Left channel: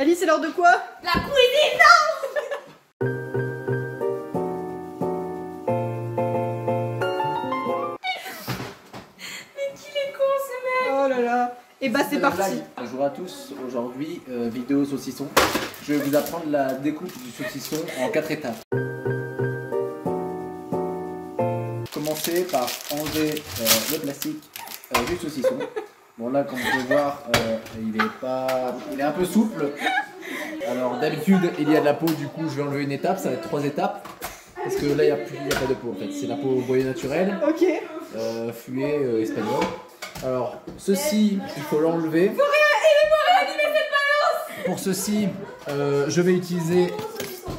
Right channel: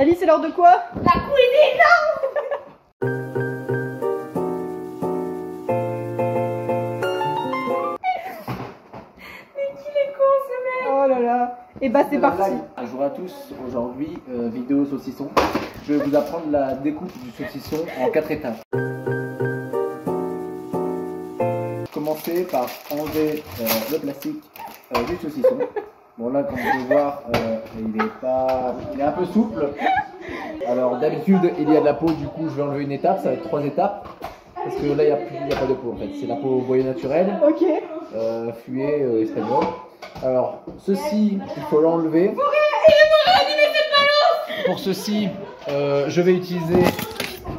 Alice, c'est l'heure de quoi? La cuisine, non. Mais qu'il est con ce mec. Oh là là. Et bah c'est parti. Bonjour à tous, aujourd'hui vidéo saucisson. Je vais vous apprendre la découpe du saucisson en 4 étapes. Commencer par enlever le plastique du saucisson. Bon là comme vous pouvez voir il est un peu souple. Alors d'habitude il y a de la peau, du coup je vais enlever une étape, ça va être 3 étapes. Parce que là il n'y a pas de peau en fait, c'est la peau broyée naturelle. Ok. Fluet espagnol. Alors ceci il faut l'enlever. Pour ceci je vais utiliser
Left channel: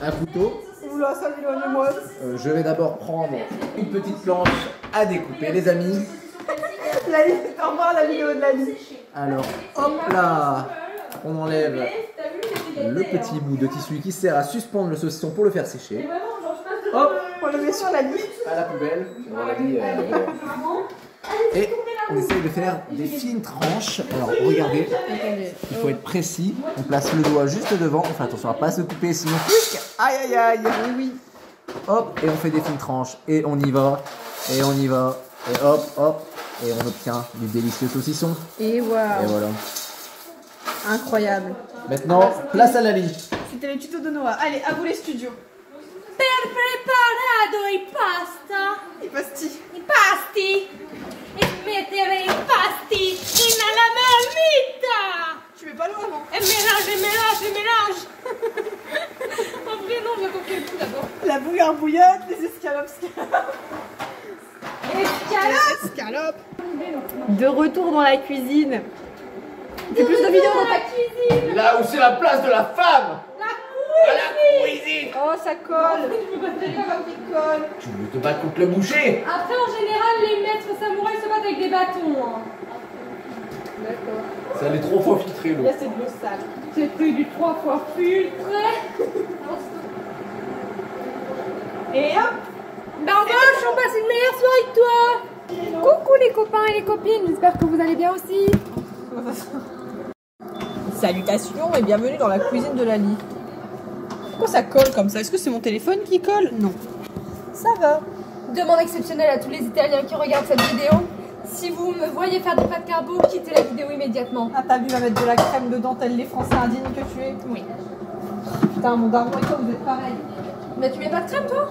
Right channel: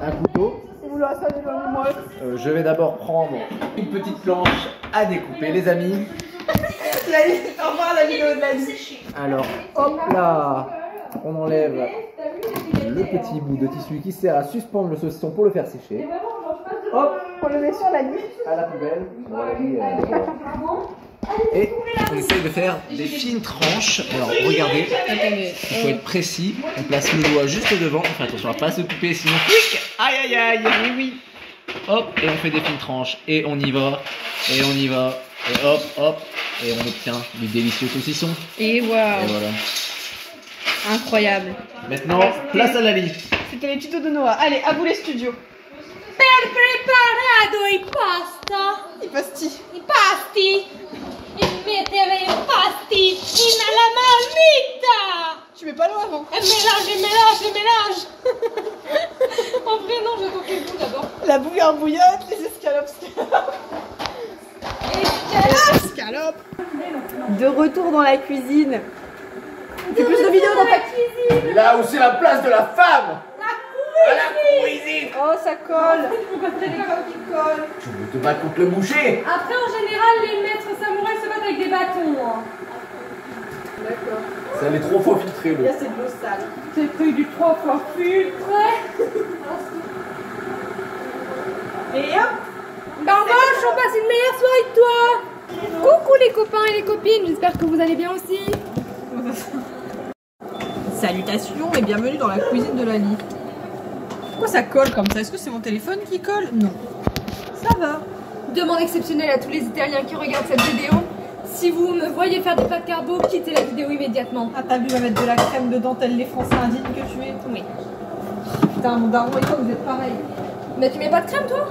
un couteau. Oula, ça m'éloigne-moi. Je vais d'abord prendre une petite planche à découper les amis. Au revoir la vidéo de la vie. Alors hop là, on enlève le petit bout de tissu qui sert à suspendre le saucisson pour le faire sécher. Hop, On le met sur la liste. à la poubelle. Bon, la vie, et on essaye de faire des fines tranches. Alors regardez, il faut être précis. On place le doigt juste devant. On fait attention à pas se couper sinon quick. Aïe aïe aïe. Oui, oui. Hop, et on fait des fines tranches. Et on y va. Et on y va. Et hop, hop. Et on obtient du délicieux saucisson. Et waouh. Et voilà. Incroyable. Maintenant, place à la lit. C'était les tutos de Noah. Allez, à vous les studios. Per preparado i pasta. Il pastille. I pasti. E mettere i pasti in la marmita. Tu mets pas l'eau avant. Et mélange. En vrai, non, j'ai compris le bout d'abord. La bouillante bouillotte, les escalopes. Escalope. De retour dans la cuisine. Tu fais plus de vidéos dans ta cuisine. Là où c'est la place de la femme. À la cuisine. Oh, ça colle. Tu ne te bats contre le boucher. Après, en général, les maîtres samouraïs se battent avec des bâtons. D'accord. Ça allait trop fois filtré l'eau. Là, c'est de l'eau sale. J'ai pris du 3 fois filtré. Et hop. Barboche, on passe une meilleure soirée que toi. Coucou les copains et les copines, j'espère que vous allez bien aussi. Salutations et bienvenue dans la cuisine de Lali. Pourquoi ça colle comme ça? Est-ce que c'est mon téléphone qui colle? Non. Ça va. Demande exceptionnelle à tous les Italiens qui regardent cette vidéo. Si vous me voyez faire des pâtes carbo, quittez la vidéo immédiatement. Ah, t'as vu, va mettre de la crème dedans, tel les Français indignes que tu es. Oui. Putain, mon daron et toi, vous êtes pareil. Mais tu mets pas de crème toi?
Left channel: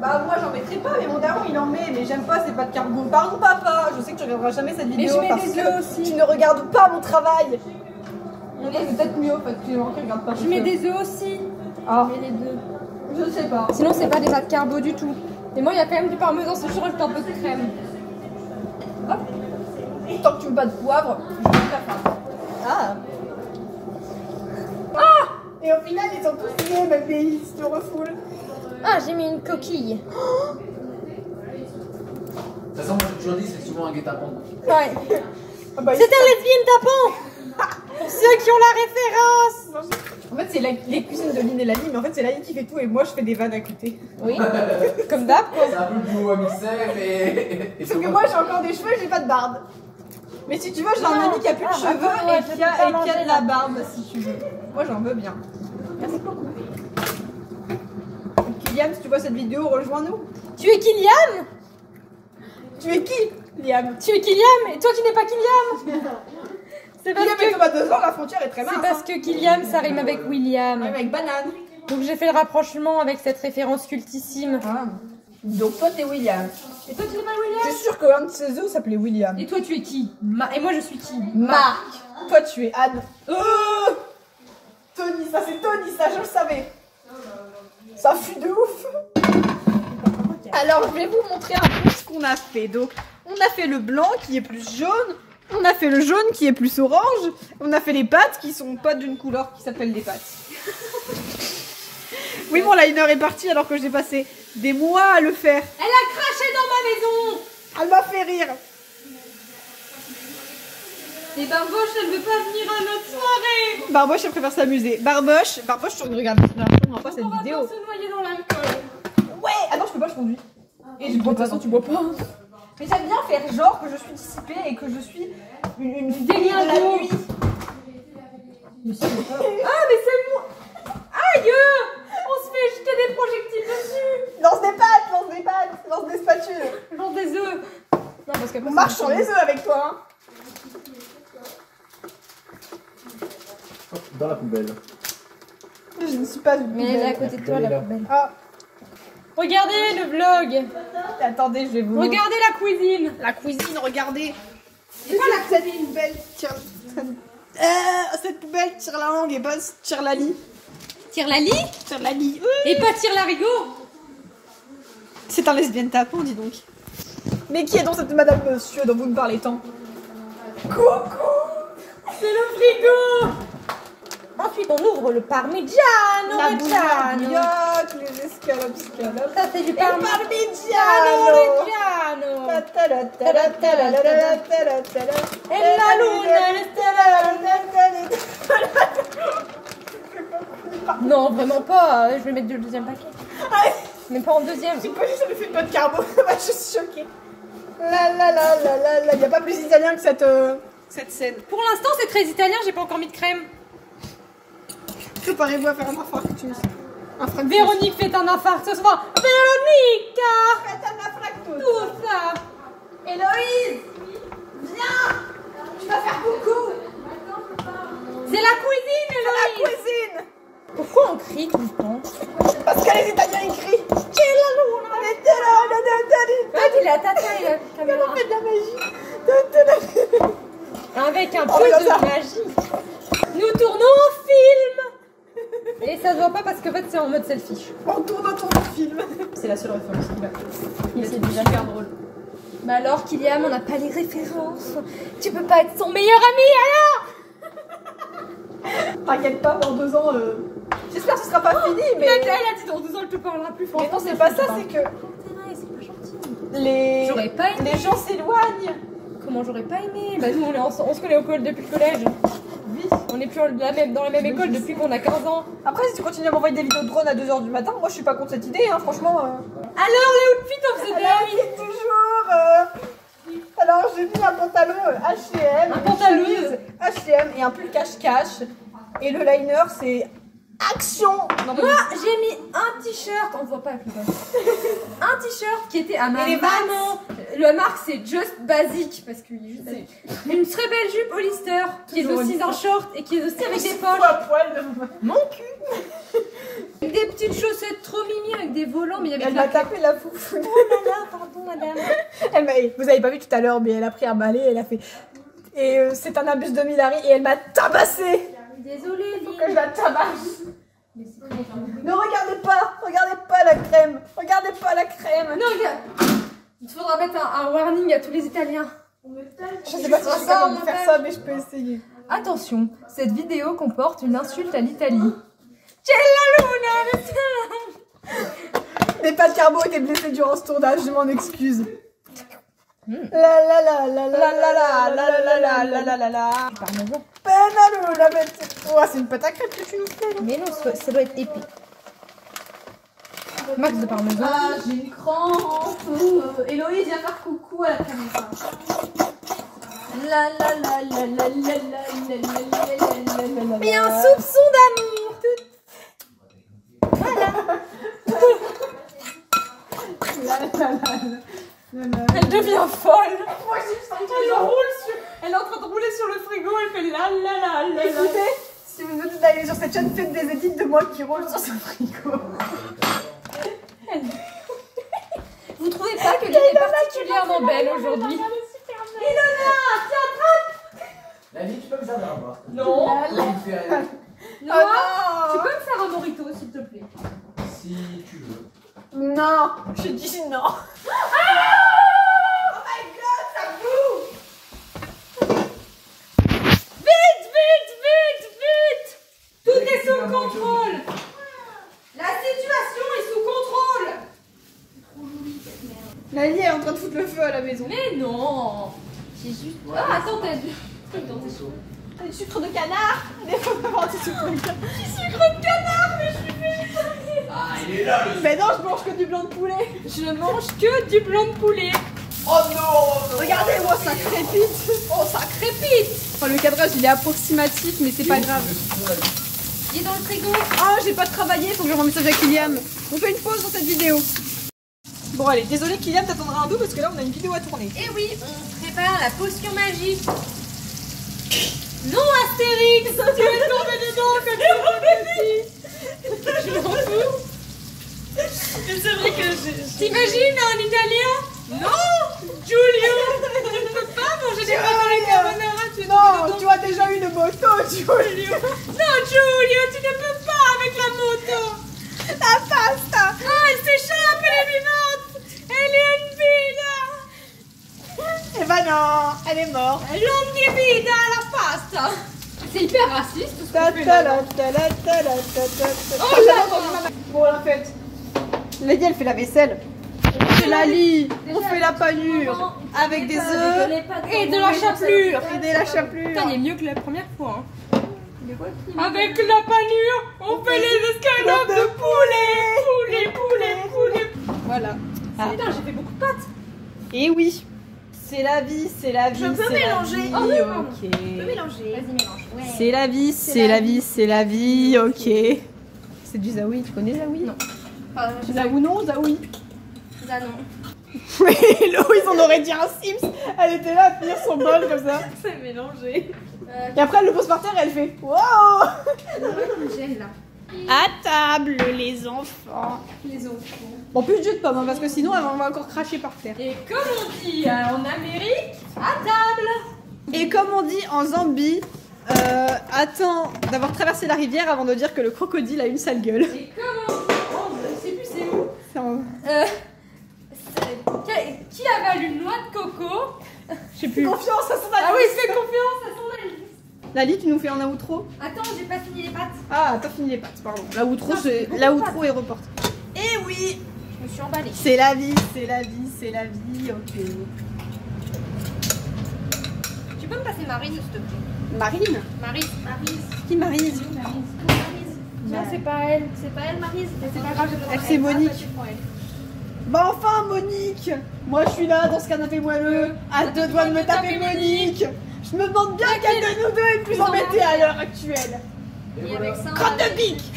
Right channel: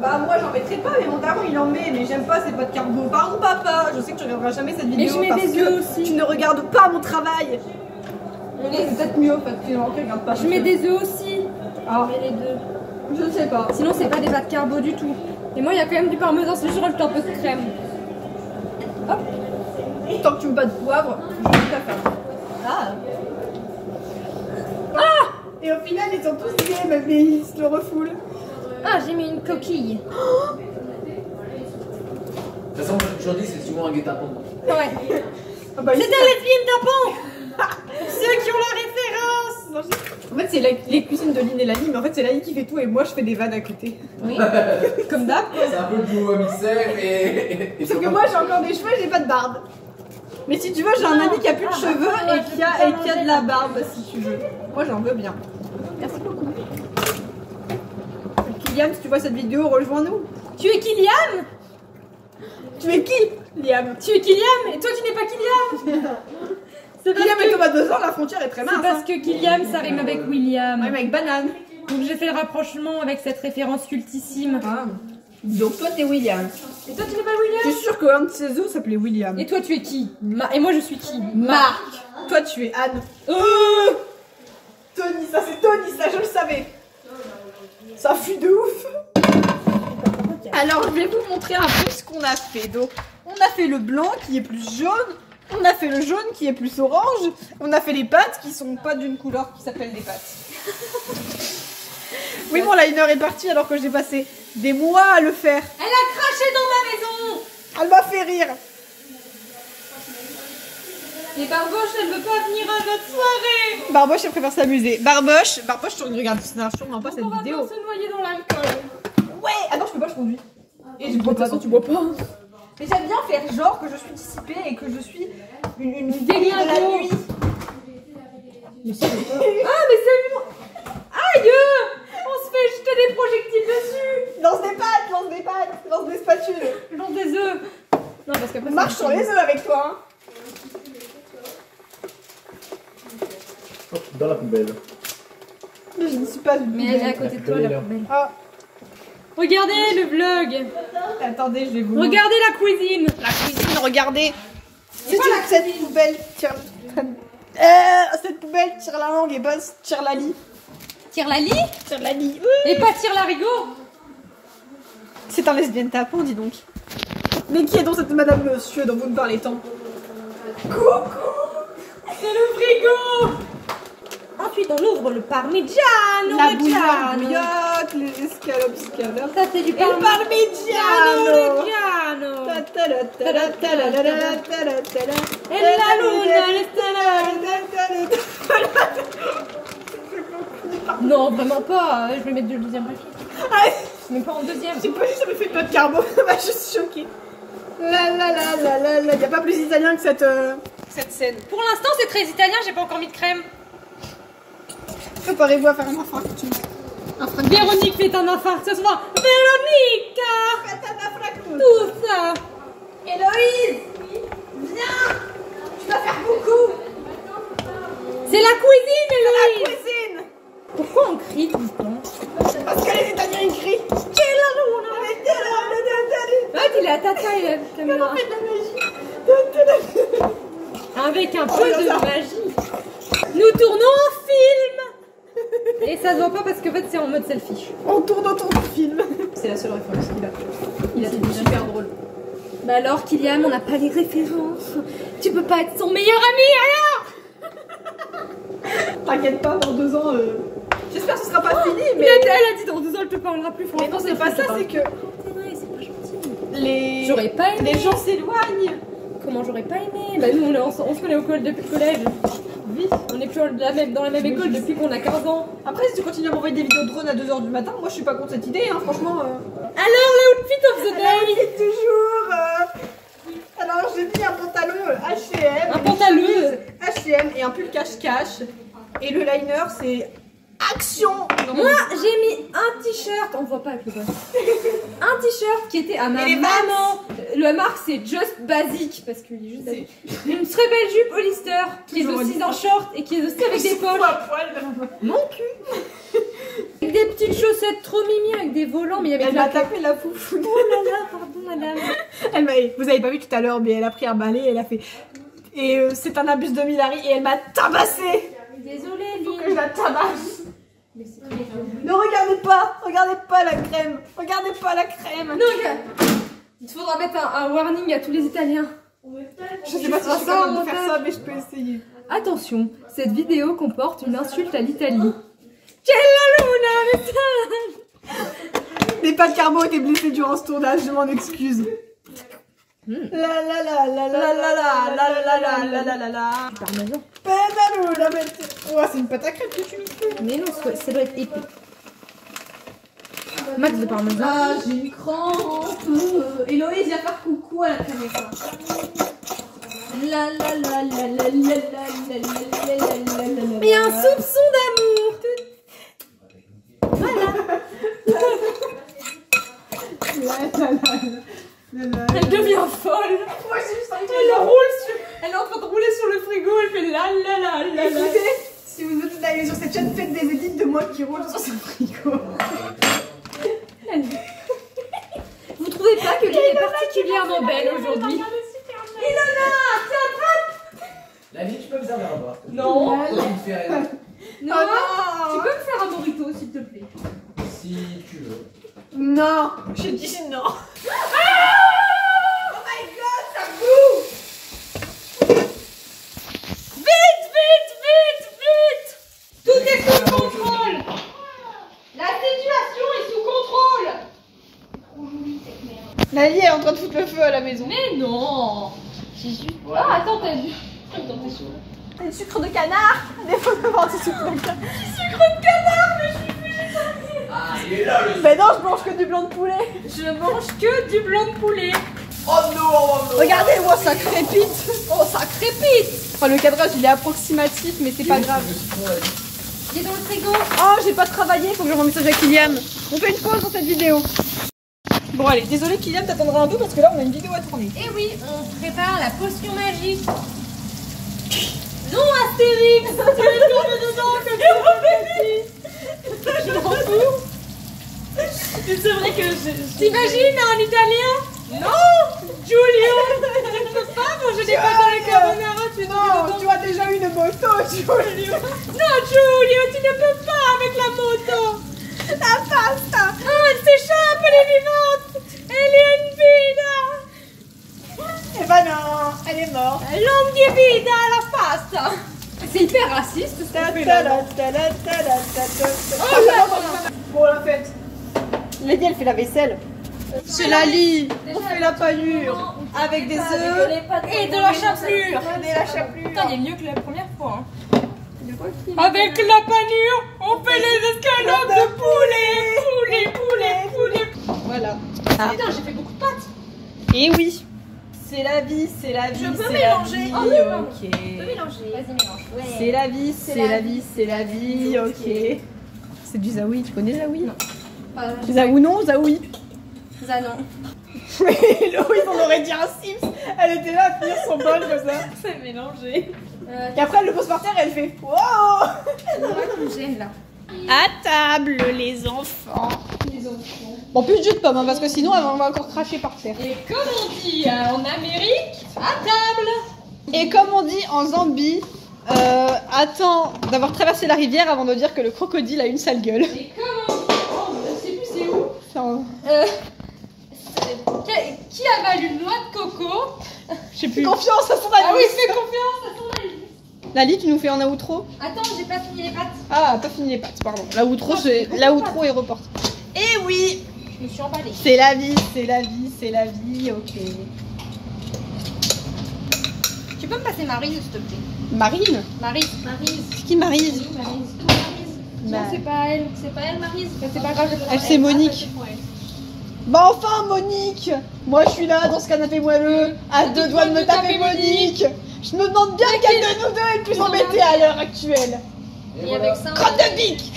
Bah, moi, j'en mettrai pas, mais mon daron, il en met. Mais j'aime pas, c'est pas de carbo. Pardon, papa. Je sais que tu regarderas jamais cette vidéo. je mets parce des que œufs aussi. tu ne regardes pas mon travail. C'est peut-être mieux parce que tu regardes pas. Je mets des œufs aussi. Ah, Je mets les deux. je sais pas. Sinon c'est pas des pâtes carbo du tout. Et moi il y a quand même du parmesan, c'est juste je rajoute un peu de crème. Hop. Tant que tu mets pas de poivre, je vais ta faire. Ah. Ah. Et au final, ils sont tous gays, mais ils se le refoulent. Ah, j'ai mis une coquille. De toute façon, moi j'ai toujours dit, c'est souvent un guet-apens. Ouais. Ah bah, C'était un lesbienne tapant. Pour ceux qui ont la référence. En fait, c'est les cuisines de Lynn et Lali, mais en fait, c'est Lali qui fait tout et moi, je fais des vannes à côté. Oui. Comme d'hab. C'est un peu le duo mixer et Sauf que moi, j'ai encore des cheveux et j'ai pas de barbe. Mais si tu veux, j'ai un ami qui a plus de cheveux et qui a de la barbe, si tu veux. Moi, j'en veux bien. Merci beaucoup. Kylian, si tu vois cette vidéo, rejoins-nous. Tu es Kylian? Tu es qui, Liam? Tu es Kylian? Et toi tu n'es pas Kylian? C'est parce Liam et que... Thomas 2 ans, la frontière est très mince. C'est parce que Kylian ça rime avec William. Ouais, mais avec banane. Donc j'ai fait le rapprochement avec cette référence cultissime. Ah. Donc toi, t'es William. Et toi tu n'es pas Je William? suis sûre qu'un de ses os s'appelait William. Et toi tu es qui? Et moi je suis qui? Marc. Toi, tu es Anne. Tony, ça c'est Tony, ça je le savais. Ça fuit de ouf. Alors, je vais vous montrer un peu ce qu'on a fait. Donc, on a fait le blanc qui est plus jaune. On a fait le jaune qui est plus orange. On a fait les pâtes qui sont pas d'une couleur qui s'appelle des pâtes. Oui, mon liner est parti alors que j'ai passé des mois à le faire. Elle a craché dans ma maison. Elle m'a fait rire. Et Barboche, elle veut pas venir à notre soirée. Barboche, elle préfère s'amuser. Barboche, tu regardes sûrement pas cette vidéo. On va se noyer dans l'alcool. Ouais. Ah non, je peux pas, je conduis. Et de toute façon, tu bois pas. Mais j'aime bien faire genre que je suis dissipée et que je suis une délire de la nuit. Ah, mais marche sur les œufs avec toi. Hein. Dans la poubelle. Mais je ne suis pas une Mais elle est à poubelle. côté de toi, la là. poubelle. Ah, Regardez le vlog. attendez, je vais vous... Regardez la cuisine. La cuisine, regardez. C'est pas la Cette poubelle tire... cette poubelle tire la langue et bosse tire la lit. Tire la lit Tire la lit. et pas tire l'arigot. C'est un lesbienne tapon, dis donc. Mais qui est donc cette madame monsieur dont vous me parlez tant? Coucou. C'est le frigo. Ensuite, on ouvre le parmigiano. La Reggiano. bouillotte, les escalopes, scalopes. Ça, c'est du Et le parmigiano. Reggiano. Et la luna, Non, vraiment pas. Je vais mettre le deuxième paquet. Mais pas en deuxième. J'ai pas dit ça me fait de notre carbo, je suis choquée. Il n'y a pas plus italien que cette scène. Pour l'instant, c'est très italien. J'ai pas encore mis de crème. Préparez-vous à faire un infarctus. Un fractus. Véronique fait un infarctus. Véronica. Faites un infarctus. Tout ça. Héloïse, viens. Tu vas faire beaucoup. C'est la cuisine, La Héloïse. cuisine. Pourquoi on crie tout le temps? Parce que les Italiens ils crient. Ouais, dis la tata et la caméra. On fait de la magie. Avec un Oh, peu là, de ça. magie. Nous tournons en film. Et ça se voit pas parce qu'en fait c'est en mode selfie. On tourne autour du film. C'est la seule référence qu'il a. Il est super drôle. Bah alors Kylian, on n'a pas les références. Tu peux pas être son meilleur ami alors. T'inquiète pas, dans 2 ans, j'espère que ce sera pas fini, mais... Elle a dit dans 2 ans elle te parlera plus. Mais non, c'est pas ça, c'est que C'est pas gentil. les J'aurais pas aimé. les gens s'éloignent. Comment j'aurais pas aimé? Bah nous on se connaît au collège depuis le collège. Oui. On est plus dans la même école depuis qu'on a 15 ans. Après, si tu continues à m'envoyer des vidéos de drone à 2 h du matin, moi je suis pas contre cette idée, hein, franchement. Alors le outfit of the Alors, day. c'est toujours. Alors, j'ai mis un pantalon H&M, Un pantalon. H&M et un pull cache-cache. Et le liner, c'est action. Non, Moi j'ai mis un t-shirt, on voit pas avec le bas. Un t-shirt qui était à ma Et les maman. La marque c'est Just Basic parce qu'il est juste basique. Une très belle jupe Hollister qui est Toujours aussi Hollister. en short et qui est aussi avec des poches. à poil. Mon cul. Avec des petites chaussettes trop mimi avec des volants mais il y avait Elle de m'a la tapé la foufoune. Oh là là, pardon madame. Vous avez pas vu tout à l'heure, mais elle a pris un balai, elle a fait. Et c'est un abus de Milari et elle m'a tabassé. Désolée Faut Lynn. que je la tabasse. Ne regardez pas la crème. Regardez pas la crème. Non, regarde. Il faudra mettre un warning à tous les Italiens. Je sais pas si je suis capable de faire ça, mais je peux essayer. Attention, cette vidéo comporte une insulte à l'Italie. C'è la luna, Mais pas de carbo était blessé durant ce tournage, je m'en excuse. La la la la la la la la la la la la la la. Parmesan. Penalou la bête. Oh, c'est une pâte à crêpes que tu nous fais. Mais non, ça doit être épais. Max de parmesan. Ah, j'ai une crampe. Héloïse, viens faire coucou à la caméra. La la la la la la la la la la. Et un soupçon d'amour. Elle devient folle. Moi, j'ai juste un Elle est en train de rouler sur le frigo. Elle fait la la la la. Écoutez, si vous venez d'aller sur cette chaîne, faites des édits de moi qui roule sur ce frigo. Vous trouvez pas que Lynn est particulièrement belle aujourd'hui? Ilona, tiens, La vie, tu peux me servir un boire. Non. Toi, tu me fais rien. non. Tu peux me faire un morito s'il te plaît? Si tu veux. Non, j'ai dit non. Oh my god, ça boue. Vite, vite, vite, vite! Tout est sous contrôle! La situation est sous contrôle! Lali est en train de foutre le feu à la maison. Mais non! J'ai juste. Ah, attends, t'as vu? Dans tes seaux. Du sucre de canard. Des fois, on va du sucre de canard. Sucre de canard, mais je suis végétarienne! Ah, il est là le. Mais non, je mange que du blanc de poulet. Je mange que du blanc de poulet. Oh non, Regardez, moi, ça crépite. Oh, ça crépite! Enfin, le cadrage, il est approximatif, mais c'est pas grave. Il est dans le frigo. Oh, j'ai pas travaillé, faut que j'envoie un message à Kylian. On fait une pause dans cette vidéo. Bon allez, désolé Kylian, t'attendras un peu parce que là on a une vidéo à tourner. Et oui, on prépare la potion magique. Non Astérix, tu es tombé dedans comme je m'en fous. C'est vrai que T'imagines en italien? Non Giulio, je ne peux pas manger des pâtes à la carbonara, tu es tombé non, dedans. tu as déjà eu le moto, Giulio. Non Giulio, tu ne peux pas avec la moto. La pasta. Ah, elle s'échappe, elle est vivante. Elle est une vida. Eh ben non, elle est morte. Longue vida la pasta. C'est hyper raciste ce qu'on fait là. Oh là là. Bon, la fête. Lady, elle fait la vaisselle. C'est la lit. On fait la paillure. Avec des œufs. Et de la chapelure. Et de la chapelure. Putain, il est mieux que la première fois. Hein. Avec la panure, on fait les escalopes de poulet. Voilà. Putain, j'ai fait beaucoup de pâtes. Et oui. C'est la vie, c'est la vie. Je peux c'est mélanger. la vie, Oh oui, pardon. ok. Tu peux mélanger. Vas-y, mélange. Ouais. C'est la vie, c'est la vie, c'est la vie, ok. C'est du Zaoui, tu connais Zaoui? Non. Zaoui non, Zaoui. Ça non. Oui, Louise, on aurait dit un Sims. Elle était là à finir son bol comme ça. C'est mélangé. Et après, elle le pose par terre et elle fait wow. Qui me gêne là. À table, les enfants. Les enfants. Bon, plus de jus de pomme, hein, parce que sinon, on va encore cracher par terre. Et comme on dit en Amérique, à table. Et comme on dit en Zambie, attends d'avoir traversé la rivière avant de dire que le crocodile a une sale gueule. Et comme on dit, oh, je sais plus c'est où. C'est en- Qui avale une noix de coco? Je sais plus. Confiance à son Ah avis. oui, fais confiance à son avis. Lali, tu nous fais un outro? Attends, j'ai pas fini les pâtes. Ah, pas fini les pâtes, pardon. L'outro, c'est l'outro est reporté. Et oui, Je me suis emballée. c'est la vie, c'est la vie, c'est la vie, ok. Tu peux me passer Maryse, s'il te plaît? Marine? Maryse. C'est qui Maryse? Non, c'est pas elle. C'est pas elle, Maryse. C'est pas grave, je le prends. C'est Monique. Ah, ouais. Bah enfin, Monique! Moi, je suis là dans ce canapé moelleux, à deux doigts de me taper Monique. Je me demande bien quelle de nous deux est le plus embêtée à l'heure actuelle. Et avec ça, Crotte de bique!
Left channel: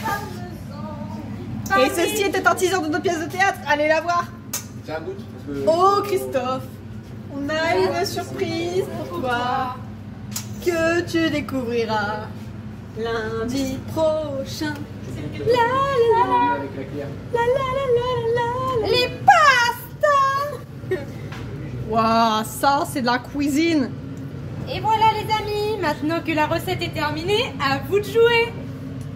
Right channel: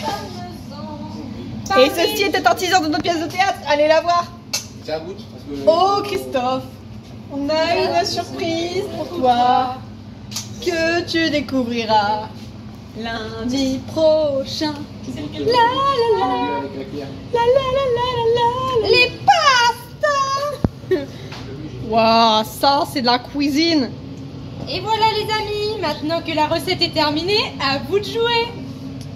Et ceci était un teaser de notre pièce de théâtre, allez la voir! Tiens, goûte, parce que... Oh Christophe, on a une surprise pour toi que tu découvriras lundi prochain. avec la cuillère. Les pastas. Waouh, ça c'est de la cuisine. Et voilà les amis, maintenant que la recette est terminée, à vous de jouer.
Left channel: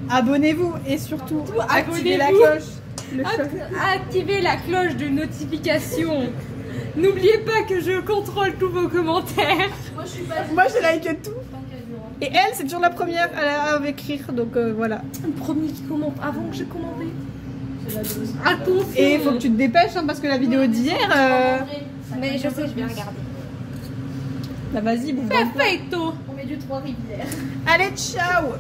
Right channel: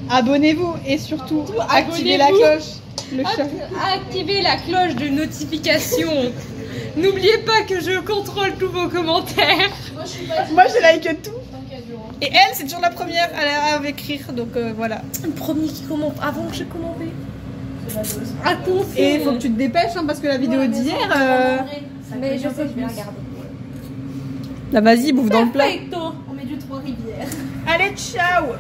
Abonnez-vous et surtout activez la Abonnez-vous. cloche. Le chat. Activez la cloche de notification. N'oubliez pas que je contrôle tous vos commentaires. Moi je like tout. Et elle c'est toujours la première à écrire donc voilà. Le premier qui commente avant que je commente. Et il faut que tu te dépêches hein, parce que la vidéo d'hier. Mais je sais, je vais regarder. Là vas-y bouffe dans le plat. Perfecto. On met du Trois-Rivières. Allez ciao.